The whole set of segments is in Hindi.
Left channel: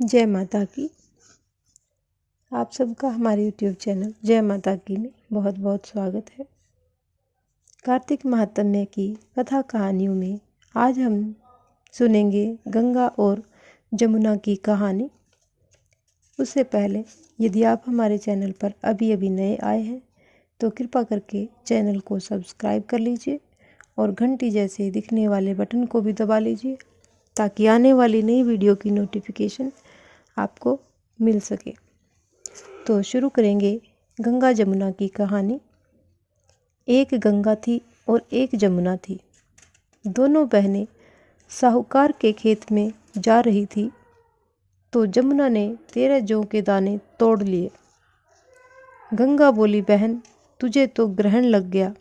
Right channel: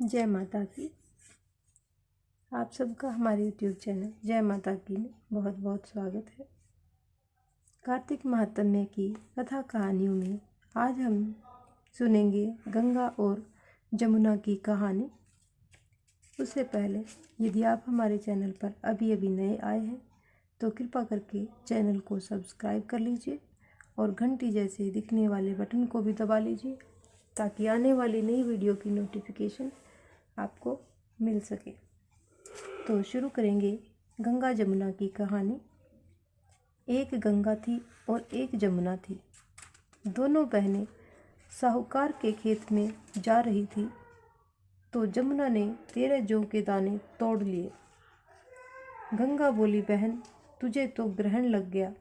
जय माता की। आप सबका हमारे YouTube चैनल जय माता की में बहुत बहुत स्वागत है। कार्तिक महात्म्य की कथा कहानियों में आज हम सुनेंगे गंगा और जमुना की कहानी। उससे पहले यदि आप हमारे चैनल पर अभी अभी नए आए हैं तो कृपा करके चैनल को सब्सक्राइब कर लीजिए और घंटी जैसे दिखने वाले बटन को भी दबा लीजिए ताकि आने वाली नई वीडियो की नोटिफिकेशन आपको मिल सके। तो शुरू करेंगे गंगा जमुना की कहानी। एक गंगा थी और एक जमुना थी। दोनों बहनें साहूकार के खेत में जा रही थी तो जमुना ने 13 जौ के दाने तोड़ लिए। गंगा बोली, बहन तुझे तो ग्रहण लग गया,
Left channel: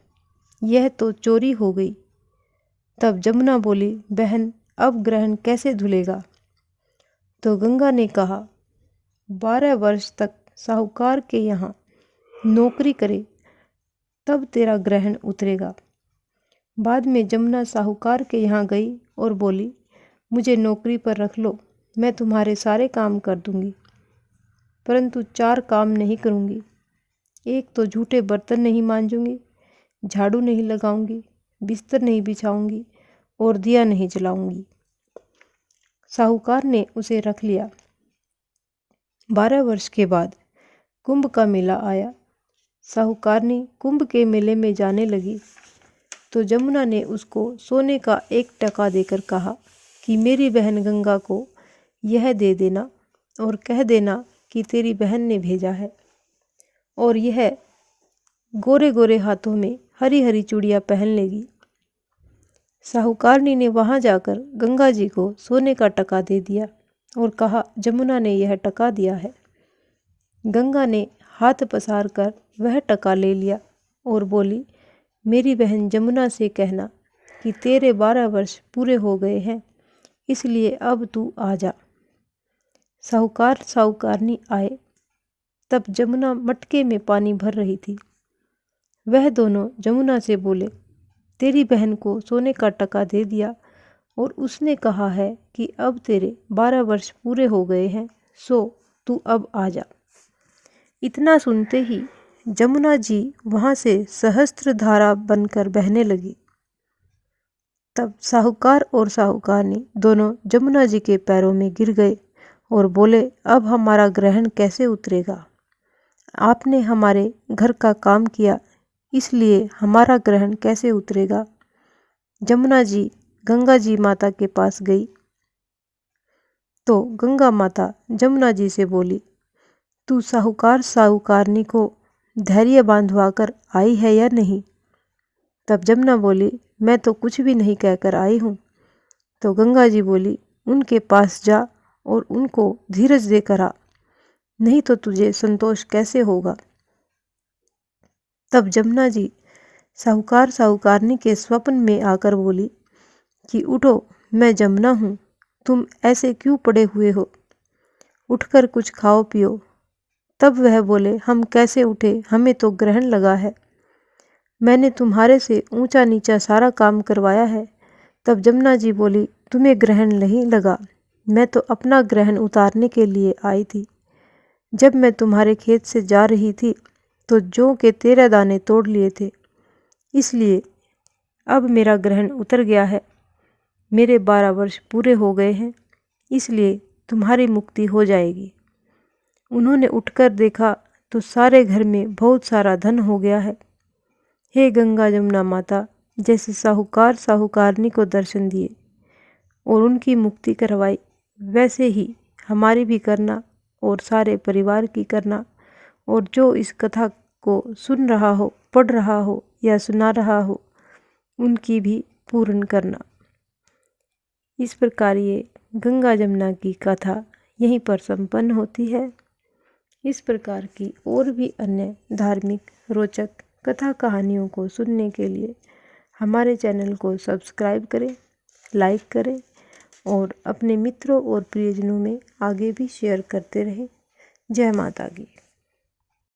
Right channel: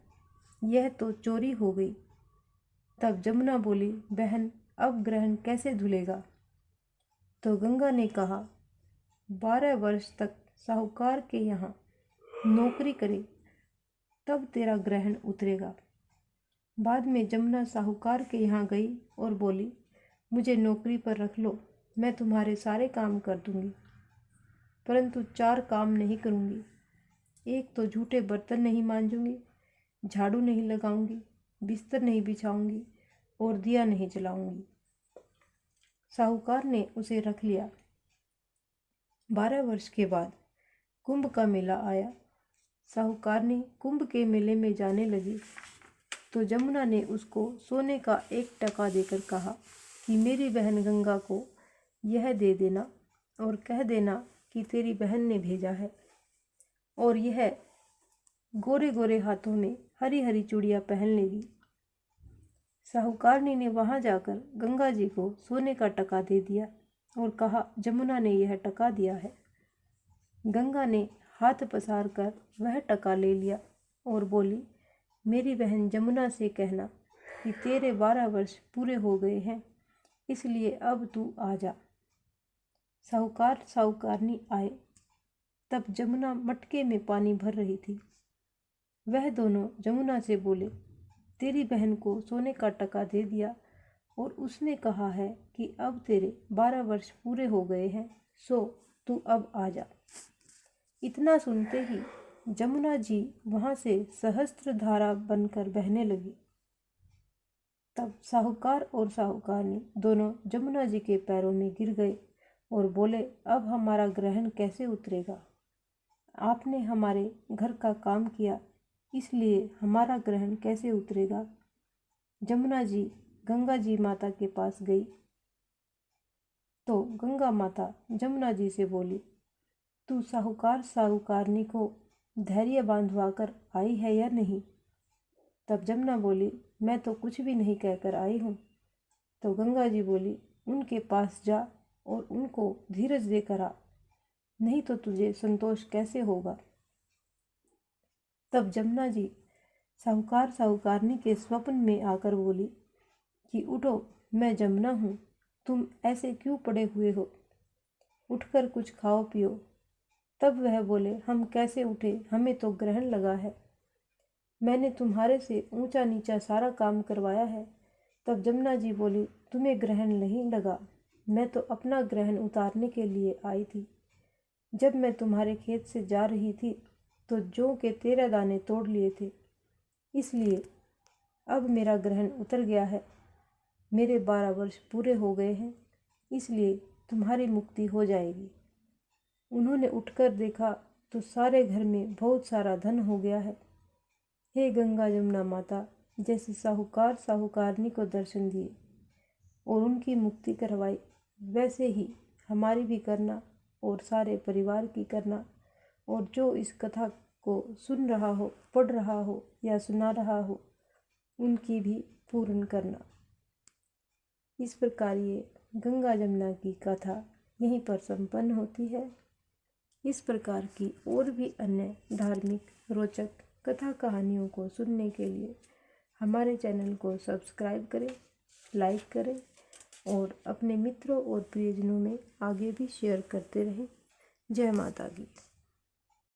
यह तो चोरी हो गई। तब जमुना बोली, बहन अब ग्रहण कैसे धुलेगा? तो गंगा ने कहा, 12 वर्ष तक साहूकार के यहाँ नौकरी करे तब तेरा ग्रहण उतरेगा। बाद में जमुना साहूकार के यहाँ गई और बोली, मुझे नौकरी पर रख लो, मैं तुम्हारे सारे काम कर दूंगी, परंतु 4 काम नहीं करूंगी। एक तो झूठे बर्तन नहीं मांजूंगी, झाड़ू नहीं लगाऊंगी, बिस्तर नहीं बिछाऊंगी और दिया नहीं जलाऊंगी। साहूकार ने उसे रख लिया। 12 वर्ष के बाद कुंभ का मेला आया। साहूकारनी कुंभ के मेले में जाने लगी तो जमुना ने उसको सोने का 1 टका देकर कहा कि मेरी बहन गंगा को यह दे देना और कह देना कि तेरी बहन ने भेजा है, और यह गोरे गोरे हाथों में हरी हरी चूड़ियाँ पहन लेगी। साहूकारनी ने वहाँ जाकर गंगा जी को सोने का टका दे दिया और कहा, जमुना ने यह टका दिया है। गंगा ने हाथ पसार कर वह टका ले लिया और बोली, मेरी बहन जमुना से कहना कि तेरे 12 वर्ष पूरे हो गए हैं, इसलिए अब तू आ जा। साहूकार साहूकारनी आए। तब जमुना मटके में पानी भर रही थी। वह दोनों जमुना से बोले, तेरी बहन को सोने का टका दे दिया और उसने कहा है कि अब तेरे 12 वर्ष पूरे हो गए हैं, सो तू अब आ जा। इतना सुनते ही जमुना जी वहाँ से सहस्त्र धारा बनकर बहने लगी। तब साहूकार और साहूकारनी दोनों जमुना जी के पैरों में गिर गए और बोले, अब हमारा ग्रहण कैसे उतरेगा? आपने हमारे घर का काम किया, इसलिए हमारा ग्रहण कैसे उतरेगा? जमुना जी गंगा जी माता के पास गई तो गंगा माता जमुना जी से बोली, तू साहूकार साहूकारनी को धैर्य बांधवा कर आई है या नहीं? तब जमुना बोली, मैं तो कुछ भी नहीं कहकर आई हूँ। तो गंगा जी बोली, उनके पास जा और उनको धीरज देकर आ, नहीं तो तुझे संतोष कैसे होगा? तब जमुना जी साहूकार साहूकारनी के स्वप्न में आकर बोली कि उठो, मैं जमुना हूँ, तुम ऐसे क्यों पड़े हुए हो? उठकर कुछ खाओ पियो। तब वह बोले, हम कैसे उठे, हमें तो ग्रहण लगा है, मैंने तुम्हारे से ऊंचा नीचा सारा काम करवाया है। तब जमुना जी बोली, तुम्हें ग्रहण नहीं लगा, मैं तो अपना ग्रहण उतारने के लिए आई थी। जब मैं तुम्हारे खेत से जा रही थी तो जौ के 13 दाने तोड़ लिए थे, इसलिए अब मेरा ग्रहण उतर गया है। मेरे 12 वर्ष पूरे हो गए हैं, इसलिए तुम्हारी मुक्ति हो जाएगी। उन्होंने उठकर देखा तो सारे घर में बहुत सारा धन हो गया है। हे गंगा जमुना माता, जैसे साहूकार साहूकारनी को दर्शन दिए और उनकी मुक्ति करवाई, वैसे ही हमारी भी करना और सारे परिवार की करना, और जो इस कथा को सुन रहा हो, पढ़ रहा हो या सुना रहा हो, उनकी भी पूर्ण करना। इस प्रकार ये गंगा जमुना की कथा यहीं पर संपन्न होती है। इस प्रकार की और भी अन्य धार्मिक रोचक कथा कहानियों को सुनने के लिए हमारे चैनल को सब्सक्राइब करें, लाइक करें और अपने मित्रों और प्रियजनों में आगे भी शेयर करते रहें। जय माता की।